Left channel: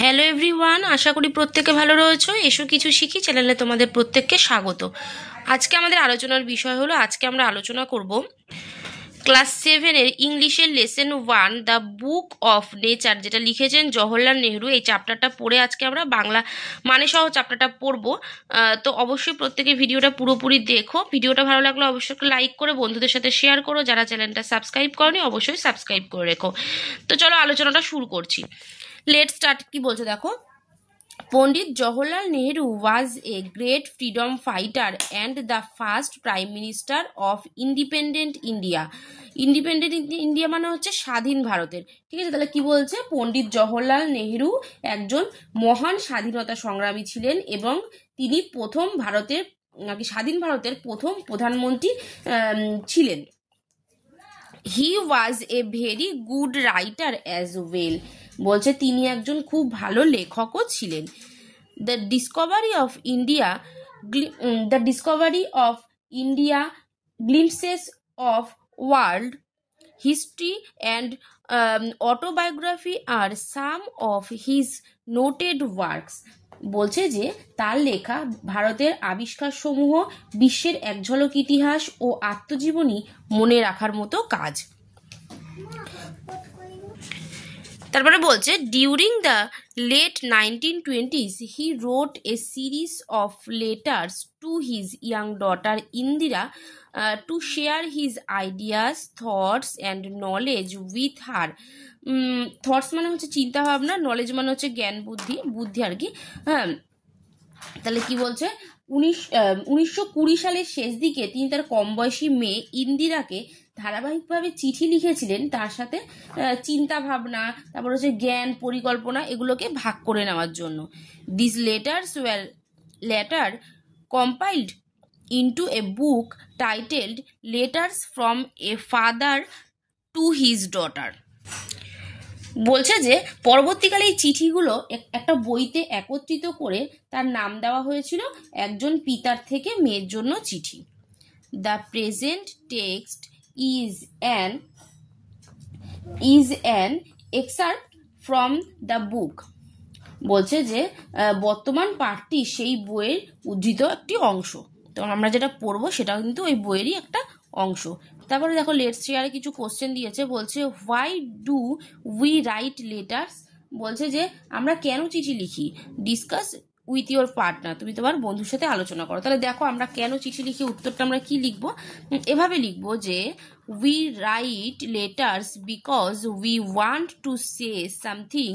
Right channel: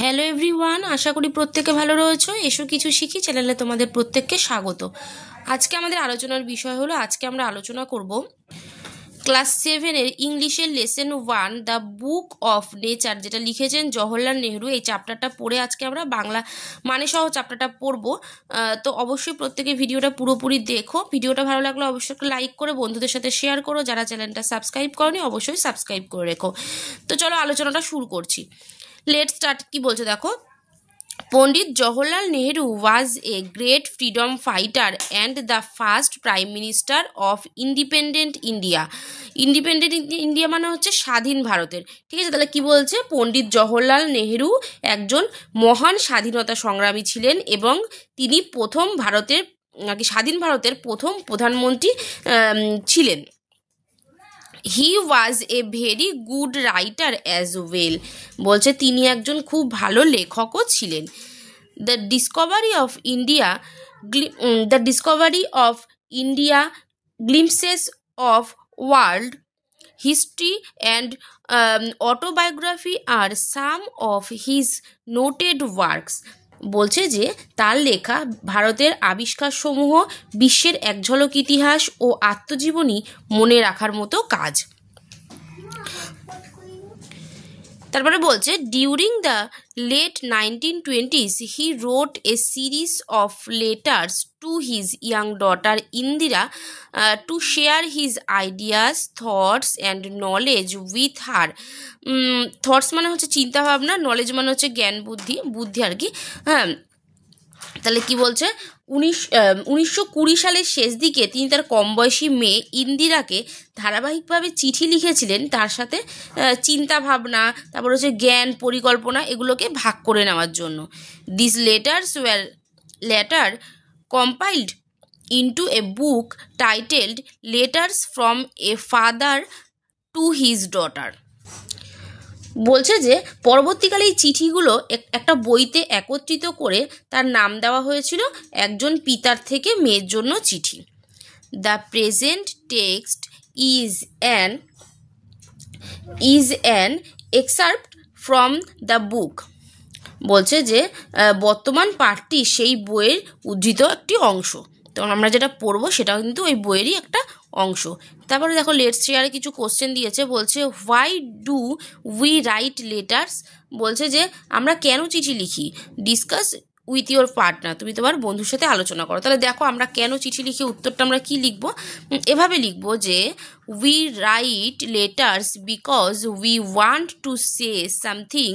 Hello everyone, আশা করি প্রত্যেকে ভালো রয়েছো। এসো কিছু শিখি চ্যানেলে তোমাদের প্রত্যেককে স্বাগত। আজকে আমাদের আলোচনার বিষয় হলো, আজকে আমরা আলোচনা করব ক্লাস 7-এর ইংলিশের lesson 1 the book of nature, যেটা লিখেছেন জওহরলাল নেহরু। এই চ্যাপ্টারটা পড়ে আজকে আমরা বাংলা মানে সহ চ্যাপ্টারটা পড়বো। তো অবশ্যই প্রত্যেকে ভিডিওটা পুরোপুরি দেখো। ভিডিওটা ভালো লাগলে অবশ্যই লাইক করে বন্ধুদের সাথে শেয়ার করো। যারা চ্যানেলটা সাবস্ক্রাইব করনি অবশ্যই সাবস্ক্রাইব করে রেখো। তো চলো আলোচনাটা শুরু করছি। Let start. কি বলছে দেখো, Pandit Jawaharlal Nehru was a great freedom fighter and the first prime minister of independent India. Independent India মানে হচ্ছে স্বাধীন ভারতের। ঠিক আছে, তাহলে কি বলছে, পণ্ডিত জওহরলাল নেহরু একজন মহান স্বাধীনতা সংগ্রামী ছিলেন এবং তিনি প্রথম ভারতের নাকি স্বাধীন ভারতের প্রথম প্রধানমন্ত্রী ছিলেন। He was a very good writer as well, বলছে তিনি একজন খুব ভালো লেখকও ছিলেন। The discovery of India glimpses of world history and autobiography আর some of his noted works, বলছে যে তার লেখা ভারতের আবিষ্কারসমূহ বিশ্বের এক ঝলক ইতিহাস ও আত্মজীবনী মনে রাখার মতো কাজ। তারপরে বলছে during the late 1920s he wrote a series of letters to his young daughter Indira to share his ideas, thoughts and knowledge with her. Thoughts মানে হচ্ছে চিন্তাভাবনা, নলেজ মানে হচ্ছে জ্ঞান বুদ্ধি আর কি। হ্যাঁ, তাহলে কি বলছে, 1920 সালের শেষ দিকে তিনি তার কম বয়সী মেয়ে ইন্দিরাকে ধারাবাহিকভাবে চিঠি লিখেছিলেন তার সাথে চিন্তা ভাবনা, তারপর হচ্ছে জ্ঞান পরিকল্পনা এগুলোকে ভাগ করে নেওয়ার জন্য। This letters were letter compiled into a book titled letters from a father to his daughter. বলছে যে পরবর্তীকালে এই চিঠিগুলো একটা বইতে একত্রিত করে তার নাম দেওয়া হয়েছিল একজন পিতার থেকে মেয়ের জন্য চিঠি। The present text is an excerpt from the book, বলছে যে বর্তমান পাঠটি সেই বইয়ের উদ্ধৃত একটি অংশ। তখন আমরা যেটা পড়বো সেটাও কিন্তু ওই বইয়েরই একটা অংশ। তারপরে দেখো লেটস শেয়ারে কিছু কোশ্চেন দিয়েছে। বলছে why do we write letters, বলছে যে আমরা কেন চিঠি লিখি। ডিসকাস উইথ ইউর পার্টনার, তুমি তোমার বন্ধুর সাথে আলোচনা করো। তাহলে দেখো আমরা কেন চিঠি লিখি, উত্তরটা আমরা কি লিখবো, এভাবে লিখবো যে we write letters because we want to say something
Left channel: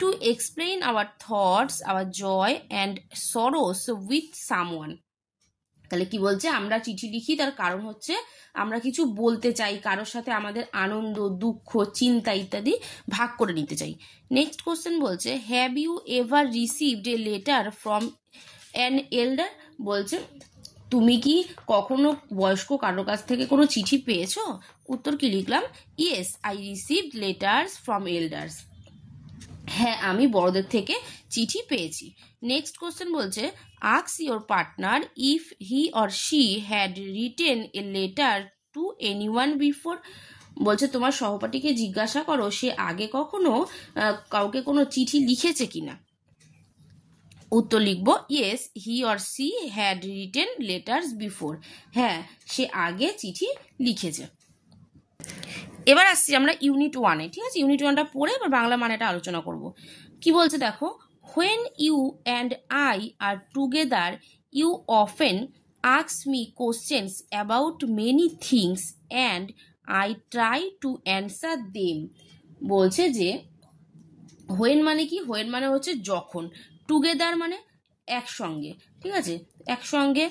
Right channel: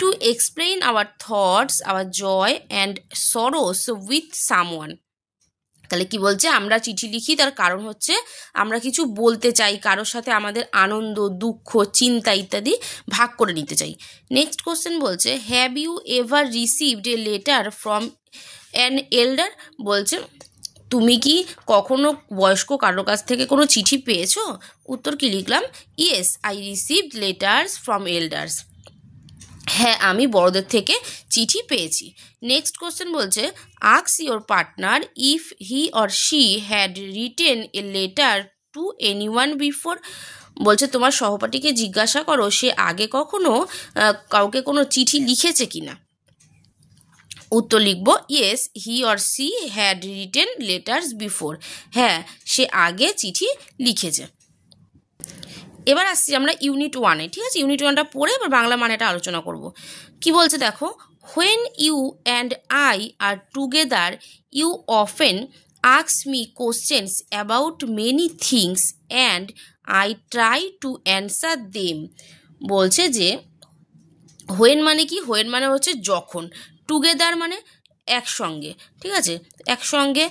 to explain our thoughts, our joy and sorrows with someone. তাহলে কি বলছে, আমরা চিঠি লিখি তার কারণ হচ্ছে আমরা কিছু বলতে চাই, কারোর সাথে আমাদের আনন্দ, দুঃখ, চিন্তা ইত্যাদি ভাগ করে নিতে চাই। নেক্সট কোশ্চেন বলছে have you ever received a letter from an elder, বলছে তুমি কি কখনো বয়স্ক কারোর কাছ থেকে কোনো চিঠি পেয়েছো। উত্তর কি লিখলাম, yes I received letters from elders, হ্যাঁ আমি বড়দের থেকে চিঠি পেয়েছি। নেক্সট কোশ্চেন বলছে ask your partner if he or she had written a letter to anyone before, বলছে তোমার সহপাঠীকে জিজ্ঞাসা করো সে আগে কখনো কাউকে কোনো চিঠি লিখেছে কিনা। উত্তর লিখবো yes he or she had written letters before, হ্যাঁ সে আগে চিঠি লিখেছে। এবার আসছি আমরা ইউনিট 1-এ। ঠিক আছে, ইউনিট 1টা পড়ে এবার বাংলা মানেটা আলোচনা করব। কি বলছে দেখো, when you and I are together you often ask me questions about many things and I try to answer them, বলছে যে হোয়েন মানে কি, হোয়েন মানে হচ্ছে যখন, টুগেদার মানে একসঙ্গে, ঠিক আছে একসঙ্গে,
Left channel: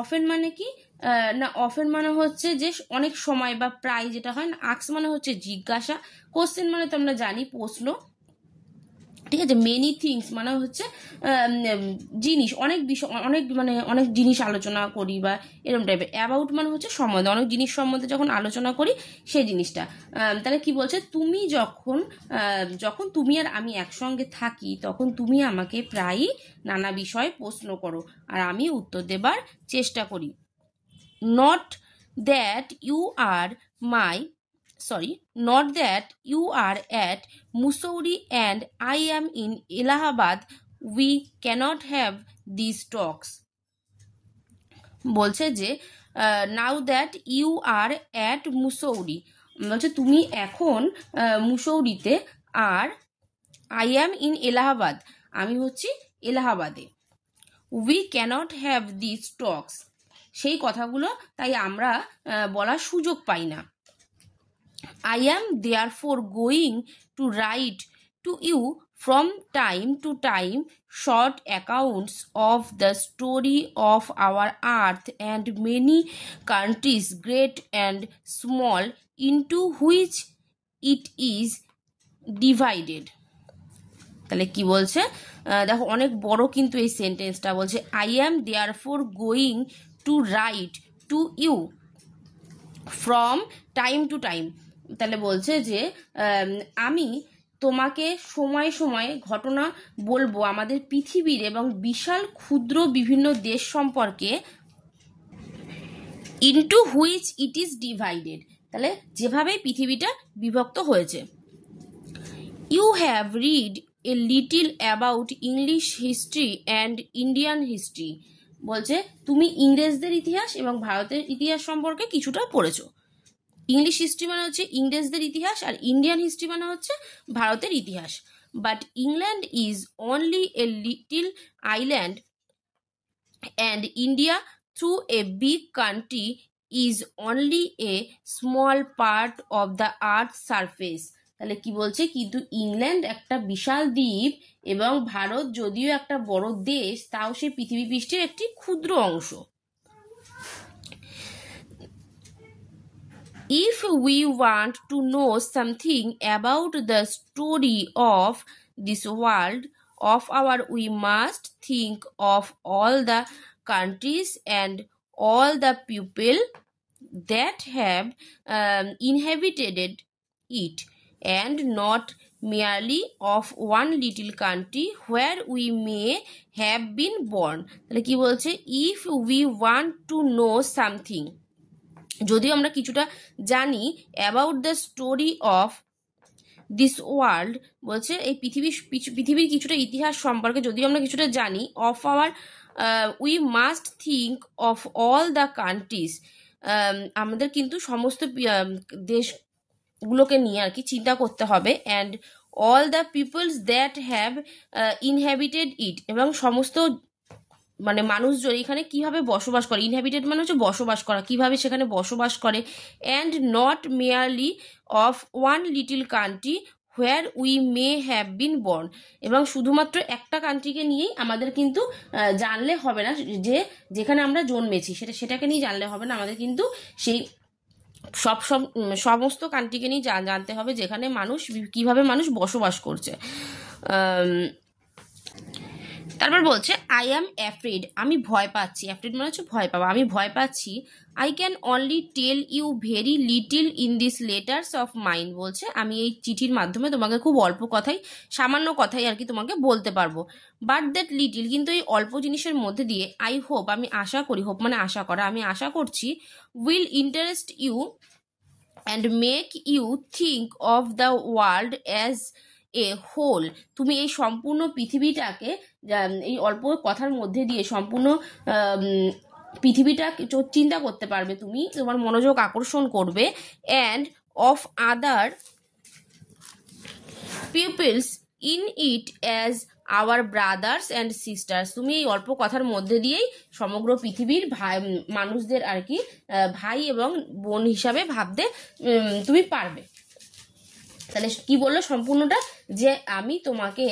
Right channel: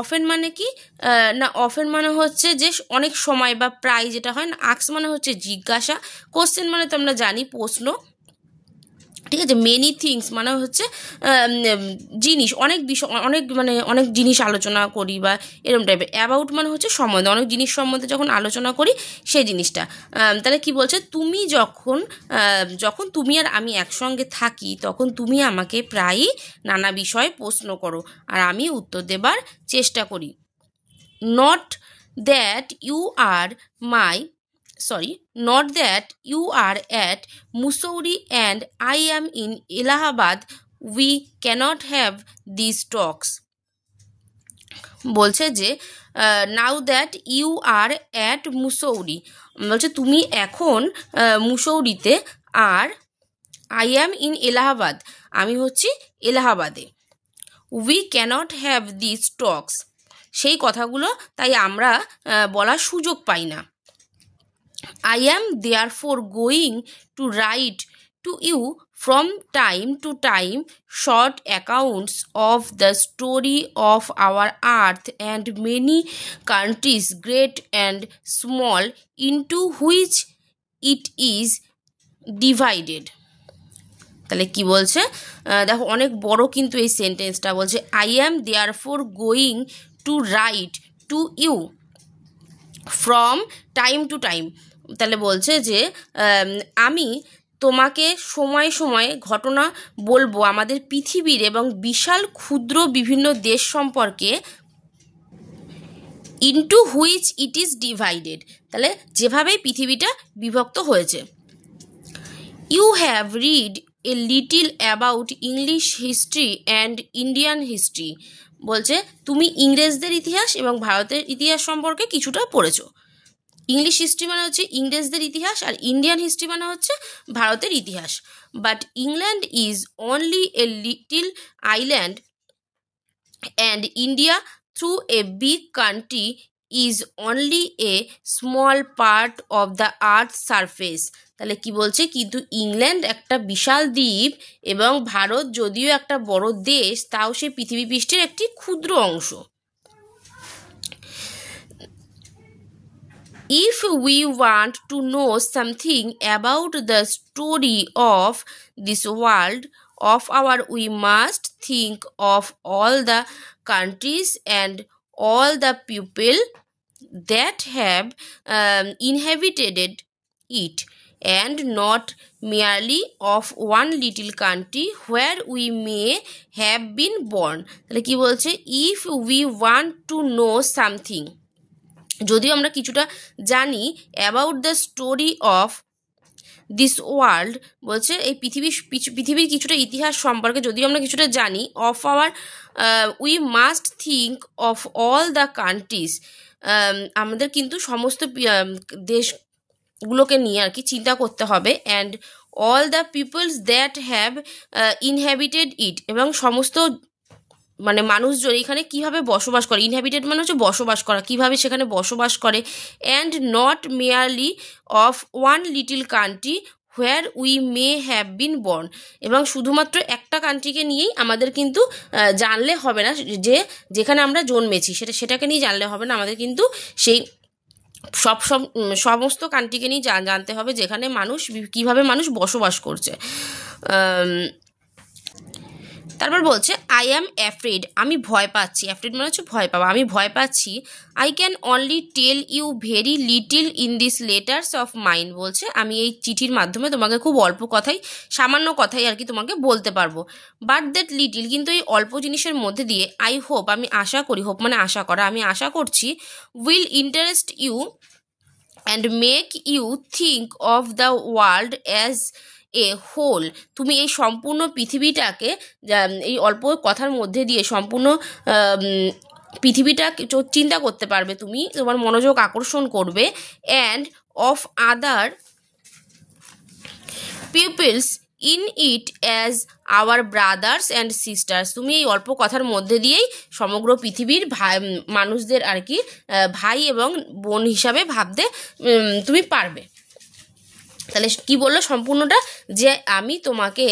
অফেন মানে কি না, অফেন মানে হচ্ছে যে অনেক সময় বা প্রায় যেটা হয় না, আস্ক মানে হচ্ছে জিজ্ঞাসা, কোশ্চেন মানে তো আমরা জানি প্রশ্ন, ঠিক আছে মেনি থিংস মানে হচ্ছে জিনিস, অনেক বিষয়, অনেক জিনিস আলোচনা করি বা এরকম টাইপের। অ্যাবাউট মানে হচ্ছে সম্বন্ধে, অনেক জিনিস সম্বন্ধে যখন আলোচনা করি সেই জিনিসটা। তাহলে কি বলছে, তুমি যখন তুমি আর আমি একসঙ্গে থাকি তখন তুমি আমাকে প্রায়ই নানা বিষয়ে প্রশ্ন করো আর আমি উত্তর দেবার চেষ্টা করি। Not that you are my sorry, not that you are at Mussoorie and I am in Allahabad. We cannot have these talks. বলছে যে now that you are at Mussoorie, বলছে তুমি এখন মুসৌরিতে, আর আই অ্যাম ইন এলাহাবাদ, আমি হচ্ছি এলাহাবাদে। We cannot have this talks, সেই কথাগুলো তাই আমরা বলার সুযোগ পাই না। I am therefore going to write to you from time to time short accounts of the story of our earth and many countries, great and small, into which it is divided. তাহলে কি বলছে, দেখো অনেক বড় কিন্তু এই সেন্টেন্সটা। বলছে I am therefore going to write to you from time to time। তাহলে বলছে যে আমি তোমাকে সময়ে সময়ে ঘটনা বলবো আমাদের পৃথিবীর এবং বিশাল ক্ষুদ্র বিভিন্ন দেশ সম্পর্কে, into which it is divided, তাহলে যেভাবেই পৃথিবীটা বিভক্ত হয়েছে। You have read a little about English history and Indian history, বলছে তুমি ইংরেজদের ইতিহাস এবং ভারতের ইতিহাস সম্পর্কে কিছুটা পড়েছো। ইংলিশ হিস্ট্রি মানে হচ্ছে ইংরেজদের ইতিহাস, আর ইন্ডিয়ান হিস্ট্রি মানে হচ্ছে ভারতের ইতিহাস। But England is only a little island and India through a big country is only a small part of the earth surface. তাহলে কি বলছে, কিন্তু ইংল্যান্ড একটা বিশাল দ্বীপ এবং ভারত যদিও একটা বড় দেশ, তাও সে পৃথিবী পৃষ্ঠের একটি ক্ষুদ্র অংশ। If we want to know something about the story of this world of our, we must think of all the countries and all the people that have inhabited it, and not merely of one little country where we may have been born. তাহলে কি বলছে, if we want to know something, যদিও আমরা কিছুটা জানি, about the story of this world, বলছে এই পৃথিবীর কিছুটা ইতিহাস সম্পর্কে যদিও আমরা কিছুটা জানি, of our we must think of all the countries, আমাদের কিন্তু সমস্ত দেশগুলোকে নিয়ে আর কি চিন্তা করতে হবে, and all the peoples that have inhabited it, এবং সমস্ত মানে মানুষজন এখানে কিভাবে বসবাস করে, ইনহ্যাবিটেড মানে হচ্ছে বসবাস করা, কিভাবে সেখানে বসবাস করে, and not merely of one little country where we may have been born, এবং শুধুমাত্র একটা কান্ট্রিকে নিয়েই আমাদের কিন্তু জানলে হবে না, যে যেখানে আমরা জন্মেছি সেটাকে নিয়ে জানলে হবে না, আমাদের কিন্তু সেই সমস্ত কান্ট্রিকে নিয়ে জানতে হবে যেখানে মানুষ কিভাবে মানুষ বসবাস করছে। তারপর বলছে আই অ্যাম অ্যাফ্রেড, আমি ভয় পাচ্ছি, অ্যাফ্রেড মানে হচ্ছে ভয় পাওয়া, আমি ভয় পাচ্ছি। I can only tell you very little in this letters of mine, বলছে আমি এই চিঠির মাধ্যমে তোমাকে খুব অল্প কথাই, সামান্য কথাই আর কি তোমাকে বলতে পারবো। বাট দ্যাট লিটিল, কিন্তু এই অল্প জিনিসের মধ্যে দিয়ে, আই হোপ, আমি আশা করি, হোপ মানে আশা করা, আমি আশা করছি, will interest you and make you think of the world as a whole, তুমি এই সম্পূর্ণ পৃথিবীটাকে, এই অল্প কথার মধ্যে দিয়ে সম্পূর্ণ পৃথিবীটা চিন্তা করতে পারবে, তুমি তোমার মনোযোগ আকর্ষণ করবে। And of other peoples in it as our brothers and sisters, তুমি এই অল্প কথার মধ্যে দিয়েই সমগ্র পৃথিবীর মানুষদের আর কি ভাই এবং বোন হিসাবে ভাবতে তুমি পারবে। তাহলে কি বললো সম্পূর্ণটা, যে আমি তোমাকে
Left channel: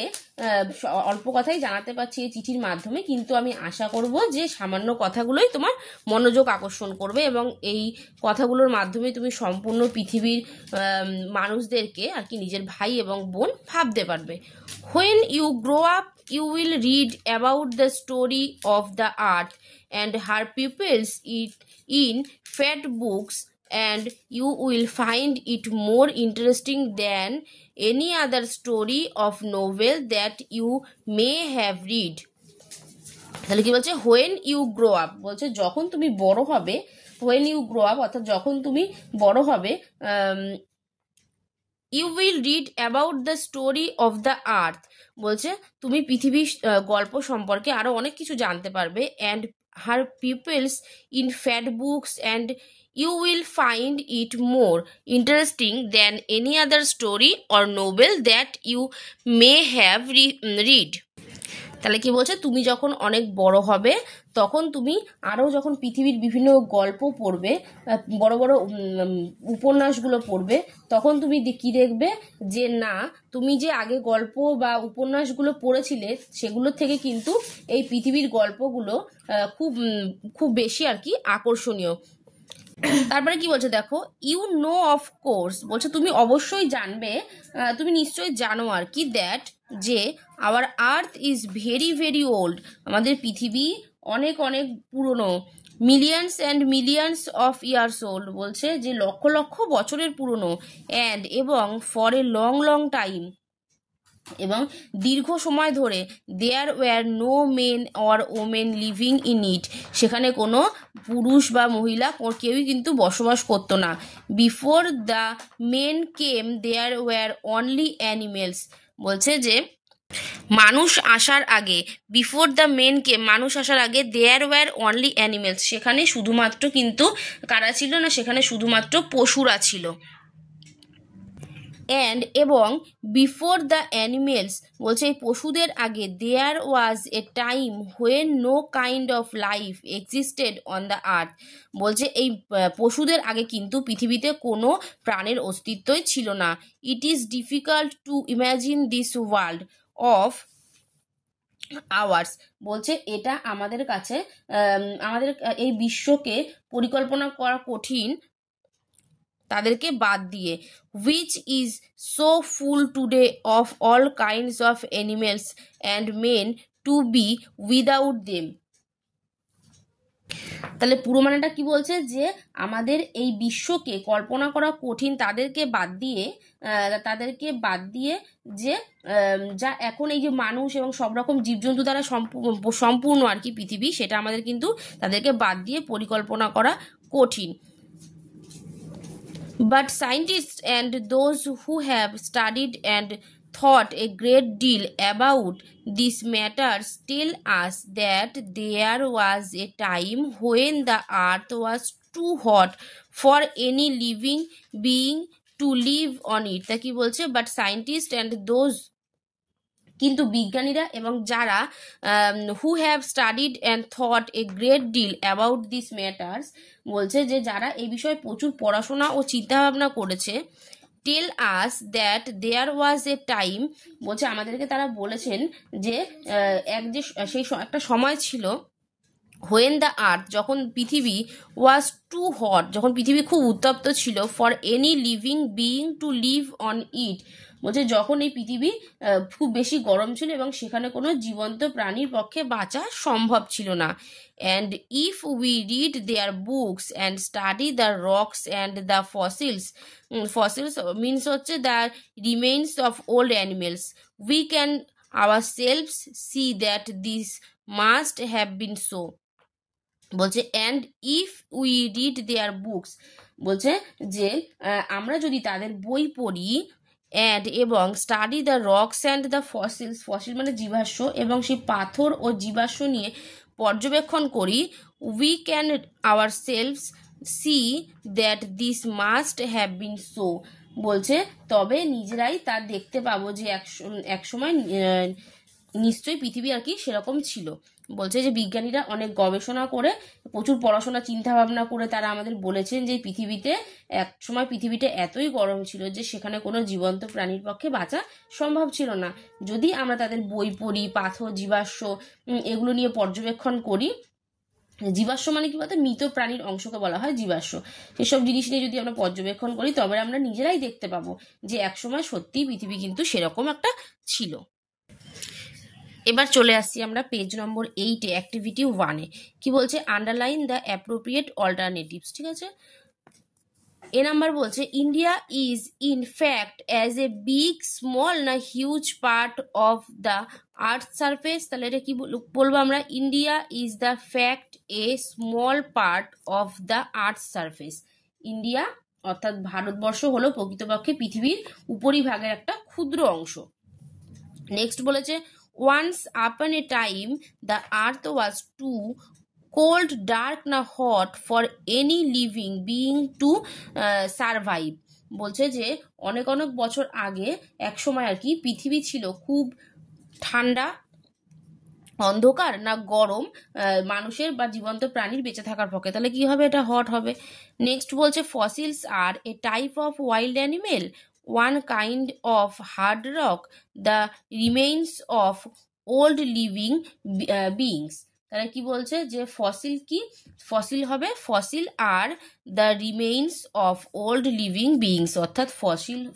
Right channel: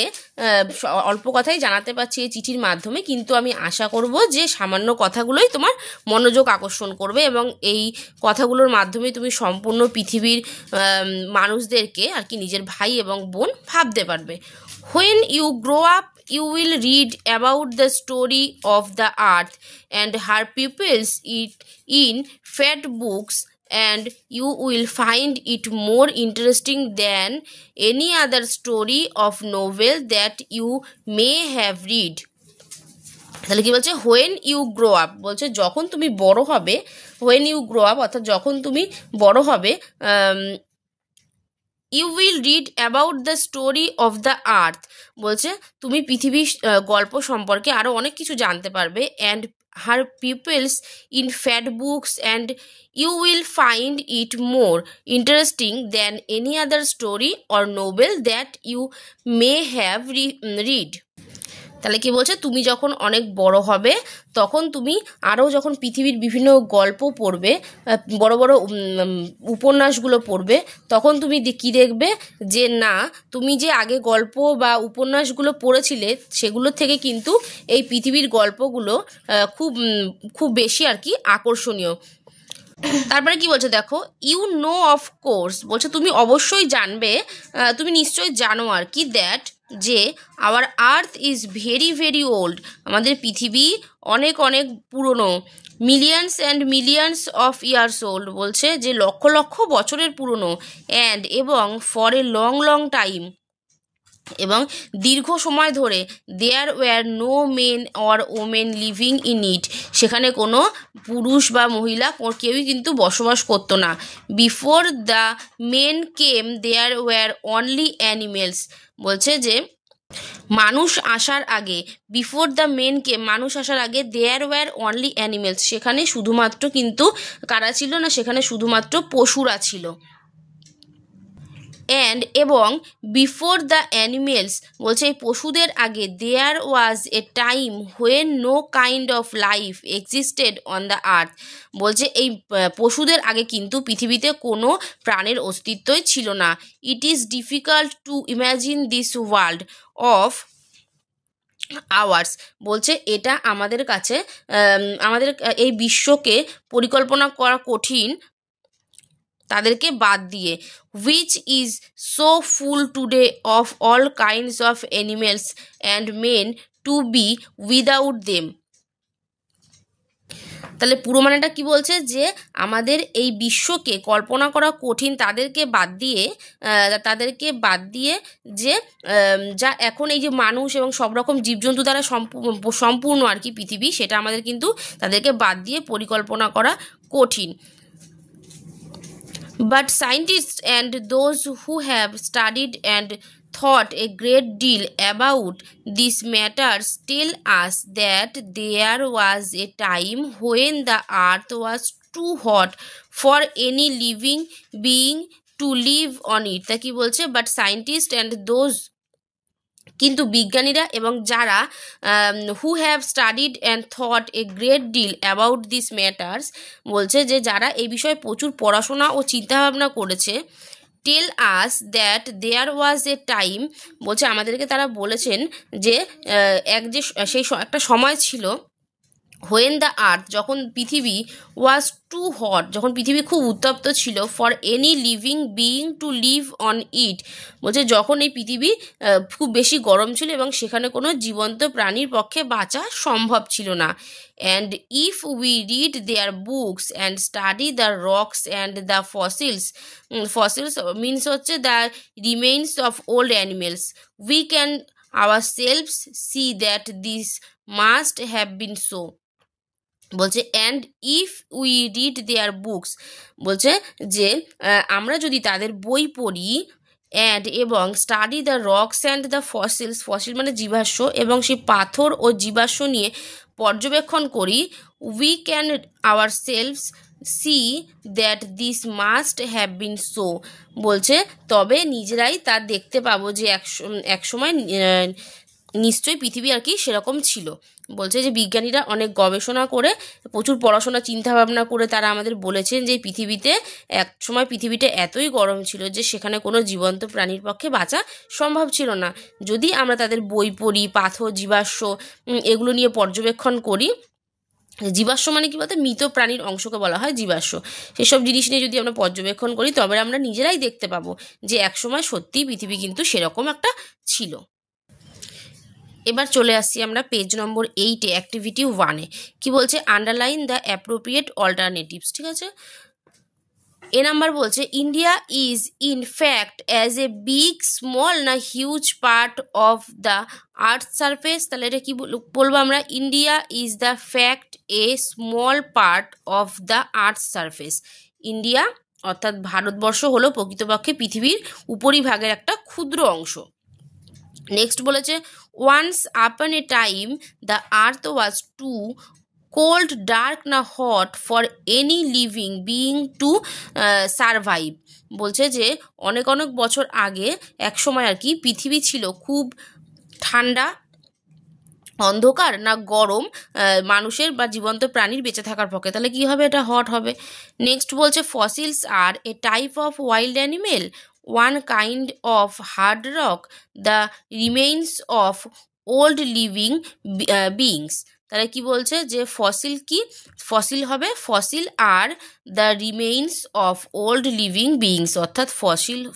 অল্প কথাই জানাতে পারছি এই চিঠির মাধ্যমে, কিন্তু আমি আশা করব যে সামান্য কথাগুলোই তোমার মনোযোগ আকর্ষণ করবে এবং এই কথাগুলোর মাধ্যমে তুমি সম্পূর্ণ পৃথিবীর মানুষদেরকে আর কি নিজের ভাই এবং বোন ভাবতে পারবে। When you grow up, you will read about the story of the earth and her peoples in fat books, and you will find it more interesting than any other story of novel that you may have read. তাহলে কি বলছে, when you grow up, বলছে যখন তুমি বড় হবে, when you grow up অর্থাৎ যখন তুমি বড় হবে, you will read about the story of the earth. বলছে তুমি পৃথিবীর গল্প সম্পর্কে আরও অনেক কিছু জানতে পারবে। And her peoples in fat books and you will find it more interesting than any other story or novel that you may have read. তাহলে কি বলছে, তুমি যখন অনেক বড় হবে তখন তুমি আরও যখন পৃথিবীর বিভিন্ন গল্প পড়বে, বড় বড় উপন্যাসগুলো পড়বে, তখন তুমি কি দেখবে যে না, তুমি যে আগে গল্প বা উপন্যাসগুলো পড়েছিলে সেগুলোর থেকে কিন্তু এই পৃথিবীর গল্পগুলো খুব খুব বেশি আর কি আকর্ষণীয়। তারপরে কি বলছে দেখো, ইউ নো অফ কোর্স, বলছে তুমি অবশ্যই জানবে, তুমি নিশ্চয়ই জানো আর কি, দ্যাট যে our earth is very very old, আমাদের পৃথিবী অনেক অনেক পুরনো। Millions and millions of years old, বলছে যে লক্ষ লক্ষ বছরের পুরনো। অ্যান্ড এবং for a long long time, এবং দীর্ঘ সময় ধরে there were no men or women living in it, সেখানে কোনো পুরুষ বা মহিলা কেউই কিন্তু বসবাস করতো না। Before the men came there were only animals, বলছে যে মানুষ আসার আগে, বিফোর দ্য মেন কেম, মানুষ আসার আগে দেয়ার ওয়্যার অনলি অ্যানিমেলস, সেখানে শুধুমাত্র কিন্তু কারা ছিল না, সেখানে শুধুমাত্র পশুরা ছিল। অ্যান্ড এবং বিফোর দ্য অ্যানিমেলস, বলছে এই পশুদের আগে, there was a time when no kind of life existed on the earth, বলছে এই পশুদের আগে কিন্তু পৃথিবীতে কোনো প্রাণের অস্তিত্বই ছিল না। It is difficult to imagine this world of hours, বলছে এটা আমাদের কাছে আমাদের এই বিশ্বকে পরিকল্পনা করা কঠিন তাদেরকে বাদ দিয়ে। which is so full today of all kinds of animals and men to be without them। তাহলে পুরো মানেটা কি বলছে, যে আমাদের এই বিশ্বকে কল্পনা করা কঠিন তাদেরকে বাদ দিয়ে যে যা এখন এই যে মানুষ এবং সব রকম জীবজন্তু দ্বারা সম্পূর্ণ আর কি পৃথিবী, সেটা আমাদের কিন্তু তাদেরকে বাদ দিয়ে পরিকল্পনা করা কঠিন। But scientists and those who have studied and thought a great deal about these matters tell us that there was a time when the earth was too hot for any living being to live on it। তা কি বলছে, but scientists and those, কিন্তু বিজ্ঞানীরা এবং যারা who have studied and thought a great deal about this matters, বলছে যে যারা এই বিষয়ে প্রচুর পড়াশোনা ও চিন্তাভাবনা করেছে, টেল আস that there was a time, বলছে আমাদেরকে তারা বলেছেন যে সেই একটা সময় ছিল, হোয়েন দ্য আর্থ, যখন পৃথিবী, ওয়াজ টু হট, যখন পৃথিবী খুব উত্তপ্ত ছিল, for any living being to live on it, বলছে যখন এই পৃথিবী খুব বেশি গরম ছিল এবং সেখানে কোনো জীবন্ত প্রাণীর পক্ষে বাঁচা সম্ভব ছিল না। And if we read their books and study the rocks and the fossils, fossils means হচ্ছে the remains of old animals, we can ourselves see that this must have been so, বলছে and if we read their books, বলছে যে আমরা যদি তাদের বই পড়ি, and এবং study the rocks and the fossils, fossil মানে জীবাশ্ম, এবং সেই পাথর ও জীবাশ্ম নিয়ে পর্যবেক্ষণ করি, we can our selves C that this must have been so, বলছে তবে নিজেরাই তা দেখতে পাবো যে এক সময় নিশ্চয়ই পৃথিবী আর কি সেরকম ছিল। বলছে যে বিজ্ঞানীরা অনেক গবেষণা করে, প্রচুর পড়াশোনা চিন্তাভাবনা করে তারা আমাদের বলেছেন যে পৃথিবীতে এক সময় পৃথিবীটা এতই গরম ছিল যে সেখানে কোনো জীবন্ত প্রাণীর পক্ষে বাঁচা সম্ভব ছিল না। যদি আমরা তাদের বই পড়ি, পাথর, জীবাশ্ম এগুলো নিয়ে পর্যবেক্ষণ করি, জীবাশ্ম মানে কি বলতে মৃত প্রাণীর অংশকে বলা হয় জীবাশ্ম, সেসব জিনিস নিয়ে যদি আমরা পর্যবেক্ষণ করি তবে আমরা নিজেরাই দেখতে পাবো যে একসময় সত্যিই পৃথিবী কিন্তু সেরকম একটা ছিল। এবার চলে আসছি আমরা পেজ নম্বর 8-এ, অ্যাক্টিভিটি 1-এ। কি বলছে, আন্ডারলাইন দ্য অ্যাপ্রোপ্রিয়েট অল্টারনেটিভস। ঠিক আছে, এ নাম্বার বলছে India is in fact as a big small না huge part of the earth surface. তাহলে এটা কি বলবো আমরা, India is the fact a small part of the earth surface. India অর্থাৎ ভারতবর্ষ হলো প্রকৃতপক্ষে পৃথিবীর উপরিভাগের একটা ক্ষুদ্র অংশ। নেক্সট বলেছে once upon a time the earth was too cold dark না hot for any living being to survive. বলছে যে অনেক অনেক বছর আগে এক সময় আর কি পৃথিবী ছিল খুব ঠান্ডা, অন্ধকার না গরম মানুষের বা জীবন্ত প্রাণীর বেঁচে থাকার পক্ষে। তাহলে কি হবে? এটা হট হবে। নেক্সট বলছে fossils are a type of wild animal, one kind of hard rock, the remains of old living beings. তাহলে কি বলছে যে ফসিল কি? ফসিল হবে fossil are the remains of old living beings, অর্থাৎ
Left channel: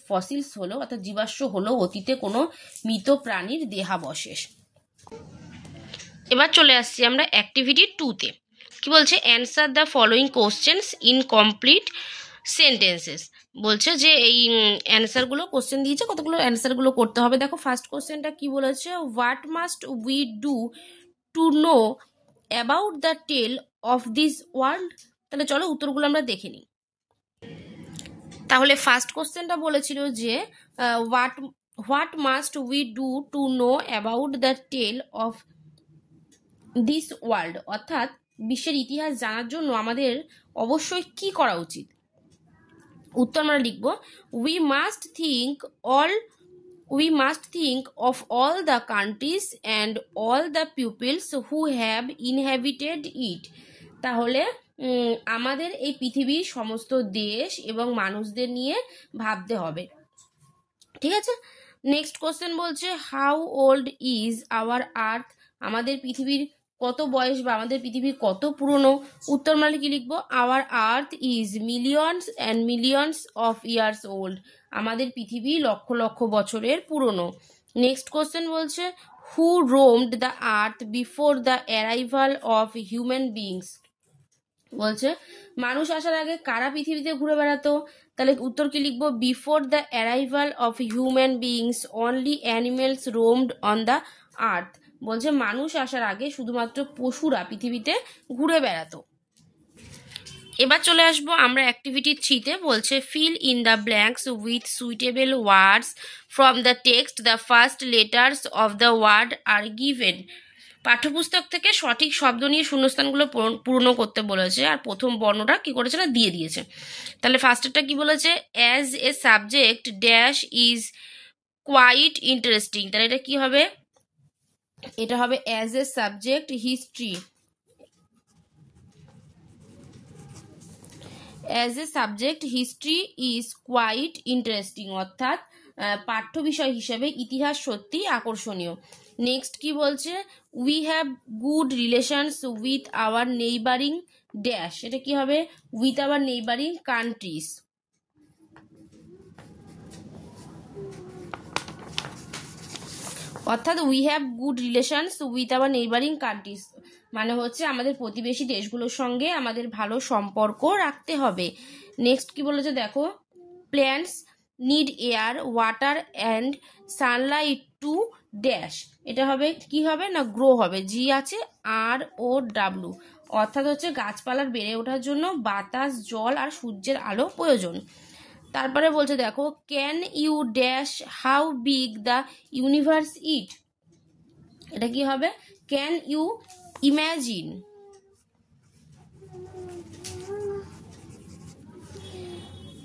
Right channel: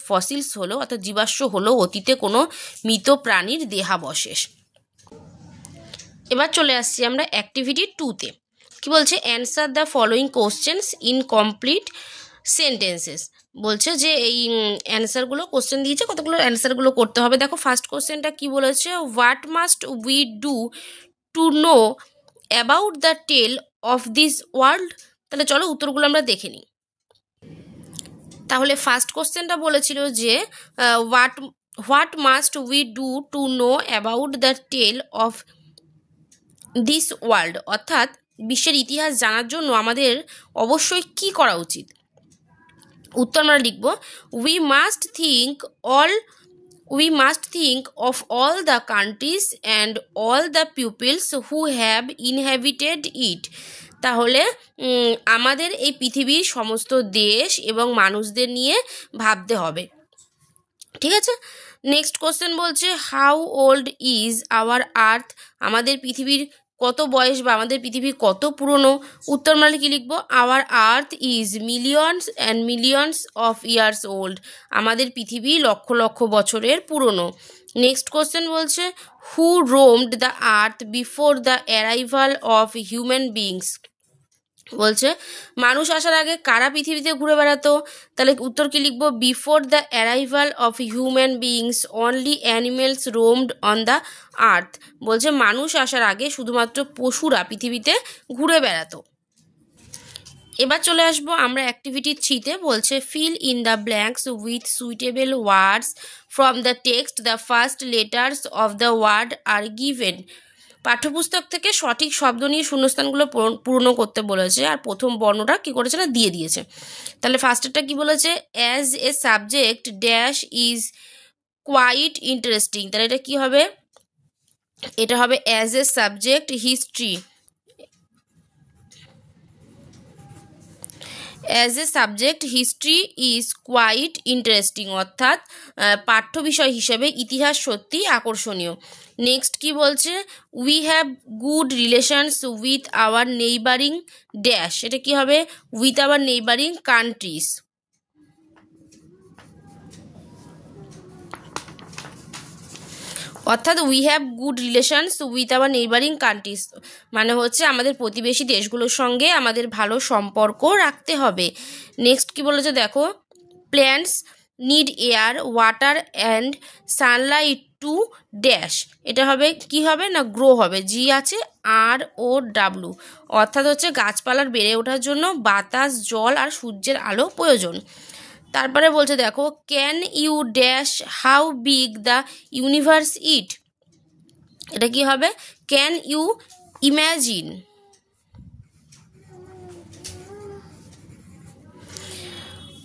ফসিলস হলো অর্থাৎ জীবাশ্ম হলো অতীতে কোনো মৃত প্রাণীর দেহাবশেষ। এবার চলে আসছি আমরা অ্যাক্টিভিটি 2-তে। কি বলছে? Answer the following questions in complete sentences. বলছে যে এই অ্যান্সারগুলো কোশ্চেন দিয়েছে, কতগুলো অ্যান্সারগুলো করতে হবে। দেখো ফার্স্ট কোশ্চেনটা কি বলেছে? What must we do to know about the tale of this world. তাহলে চলো উত্তরগুলো আমরা দেখে নিই। তাহলে ফার্স্ট কোশ্চেনটা বলেছিল যে what must we do to know about the tale of this world, অর্থাৎ বিশ্বের ইতিহাস জানার জন্য আমাদের অবশ্যই কি করা উচিত। উত্তর আমরা লিখব we must think of all the countries and all the peoples who have inhabited it. তাহলে আমাদের এই পৃথিবীর সমস্ত দেশ এবং মানুষদের নিয়ে ভাবতে হবে। ঠিক আছে। নেক্সট কোশ্চেন বলছে হাউ ওল্ড ইজ আওয়ার আর্থ। আমাদের পৃথিবীর কত বয়স বা আমাদের পৃথিবী কত পুরনো। উত্তর আমরা কি লিখবো? Our earth is millions and millions of years old. আমাদের পৃথিবী লক্ষ লক্ষ বছরের পুরনো। নেক্সট কোশ্চেন বলছে who roamed the earth before the arrival of human beings. বলছে মানুষ আসার আগে কারা পৃথিবীতে ঘুরে বেড়াতো। তাহলে উত্তর কি লিখবো? Before the arrival of human beings only animals roamed on the earth. বলছে মানুষ আসার আগে শুধুমাত্র পশুরা পৃথিবীতে ঘুরে বেড়াতো। এবার চলে আসবো আমরা অ্যাক্টিভিটি 3-তে। বলছে fill in the blanks with suitable words from the text, the first letters of the word are given. পাঠ্যপুস্তক থেকে সঠিক শব্দ নিয়ে শূন্যস্থানগুলো পূর্ণ করতে বলেছে, আর প্রথম বর্ণটা কি করেছে না দিয়ে দিয়েছে। তাহলে ফার্স্টেরটা কি বলেছে? As a subject dash is quite interesting. তাহলে এটা কি হবে? এটা হবে as a subject history. As a subject history is quite interesting, অর্থাৎ পাঠ্য বিষয় হিসেবে ইতিহাস সত্যি আকর্ষণীয়। নেক্সট কি বলছে? We have good relations with our neighbouring dash. এটা কি হবে? With our neighbouring countries. অর্থাৎ we have good relations with our neighbouring countries মানে হচ্ছে আমাদের প্রতিবেশী দেশগুলোর সঙ্গে আমাদের ভালো সম্পর্ক রাখতে হবে। নেক্সট কি বলেছে দেখো? Plants need air water and sunlight to dash. এটা হবে কি হবে না গ্রো হবে, জি আছে ROW, অর্থাৎ হচ্ছে গাছপালার বেড়ে ওঠার জন্য বাতাস, জল আর সূর্যের আলো প্রয়োজন। তারপরে বলছে দেখো can you dash how big the universe it. এটা কি হবে? Can you imagine.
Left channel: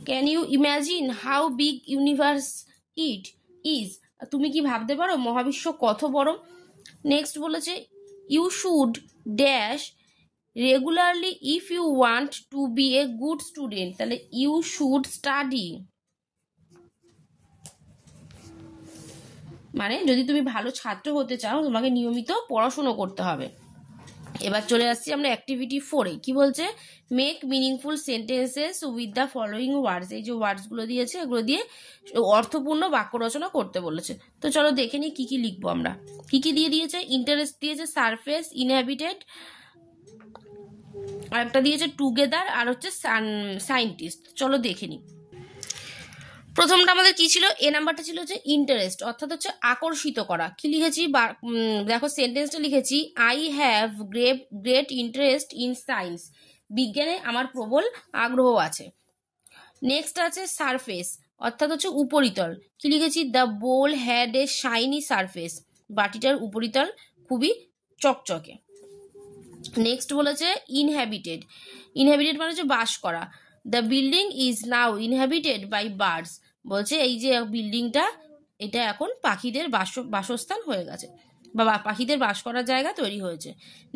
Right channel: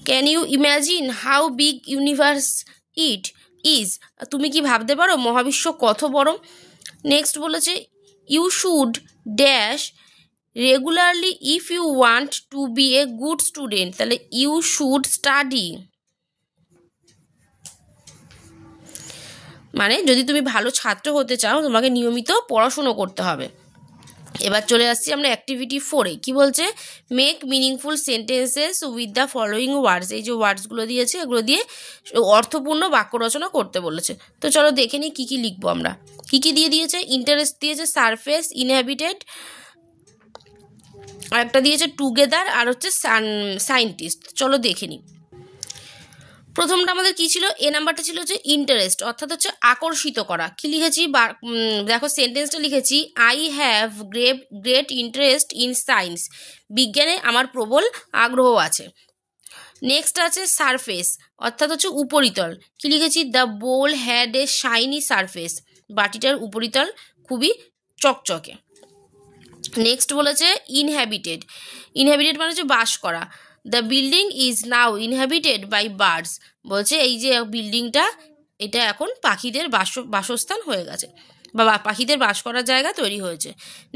Can you imagine how big universe it is. তুমি কি ভাবতে পারো মহাবিশ্ব কত বড়। নেক্সট বলেছে you should dash regularly if you want to be a good student. তাহলে ইউ শুড স্টাডি, মানে যদি তুমি ভালো ছাত্র হতে চাও তোমাকে নিয়মিত পড়াশুনো করতে হবে। এবার চলে আসছি আমরা অ্যাক্টিভিটি 4-এ। কি বলছে? Make meaningful sentences with the following words. এই যে ওয়ার্ডসগুলো দিয়েছে এগুলো দিয়ে অর্থপূর্ণ বাক্য রচনা করতে বলেছে। তো চলো দেখে নিই কী কী লিখবো আমরা। কী কী দিয়ে দিয়েছে? ইন্টারেস্ট দিয়েছে, সারফেস, ইনহ্যাবিটেড, আর একটা দিয়েছে টুগেদার, আর হচ্ছে সায়েন্টিস্ট। চলো দেখে নিই। প্রথমটা আমাদের কি ছিল? এ নাম্বারটা ছিল হচ্ছে ইন্টারেস্ট, অর্থাৎ হচ্ছে আকর্ষিত করা। কি লিখেছি দেখো সেন্টেন্সটা লিখেছি I have great interest in science. বিজ্ঞানে আমার প্রবল আগ্রহ আছে। নেক্সট আছে সারফেস, অর্থাৎ হচ্ছে উপরিতল। কি লিখেছি? The bowl had a shiny surface, বাটিটার উপরিতল খুবই চকচকে। নেক্সট বলেছে ইনহ্যাবিটেড, ইনহ্যাবিটেড মানে হচ্ছে বাস করা। The building is now inhabited by birds, বলছে এই যে বিল্ডিংটা এটা এখন পাখিদের বাসস্থান হয়ে গেছে, বা পাখিদের বাস করার জায়গা তৈরি হয়েছে।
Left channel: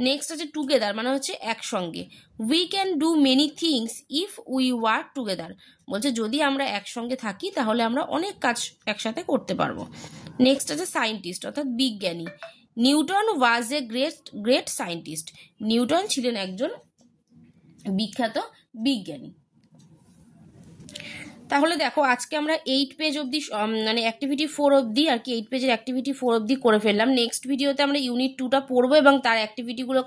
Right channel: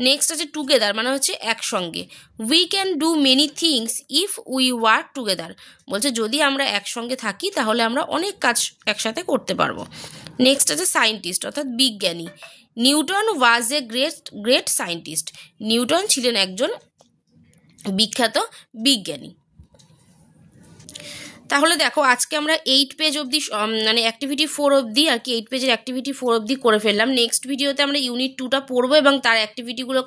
নেক্সট আছে টুগেদার, মানে হচ্ছে একসঙ্গে। We can do many things if we work together, বলছে যদি আমরা একসঙ্গে থাকি তাহলে আমরা অনেক কাজ একসাথে করতে পারবো। নেক্সট আছে সায়েন্টিস্ট, অর্থাৎ বিজ্ঞানী। Newton was a great scientist, Newton ছিলেন একজন বিখ্যাত বিজ্ঞানী। তাহলে দেখো আজকে আমরা 8 পেজ অবধি মানে অ্যাক্টিভিটি 4 অবধি আর কি 8 পেজের অ্যাক্টিভিটি 4 অবধি করে ফেললাম। নেক্সট ভিডিওতে আমরা ইউনিট 2টা পড়বো এবং তার অ্যাক্টিভিটিগুলো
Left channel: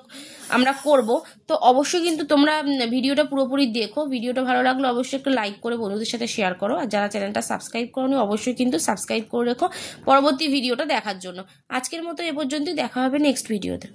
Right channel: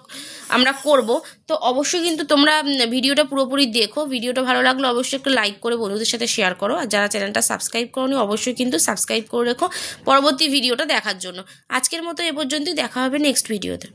আমরা করব। তো অবশ্যই কিন্তু তোমরা ভিডিওটা পুরোপুরি দেখো। ভিডিওটা ভালো লাগলে অবশ্যই একটু লাইক করে বন্ধুদের সাথে শেয়ার করো, আর যারা চ্যানেলটা সাবস্ক্রাইব করোনি অবশ্যই কিন্তু সাবস্ক্রাইব করে রেখো পরবর্তী ভিডিওটা দেখার জন্য। আজকের মতো এ পর্যন্তই, দেখা হবে নেক্সট ভিডিওতে।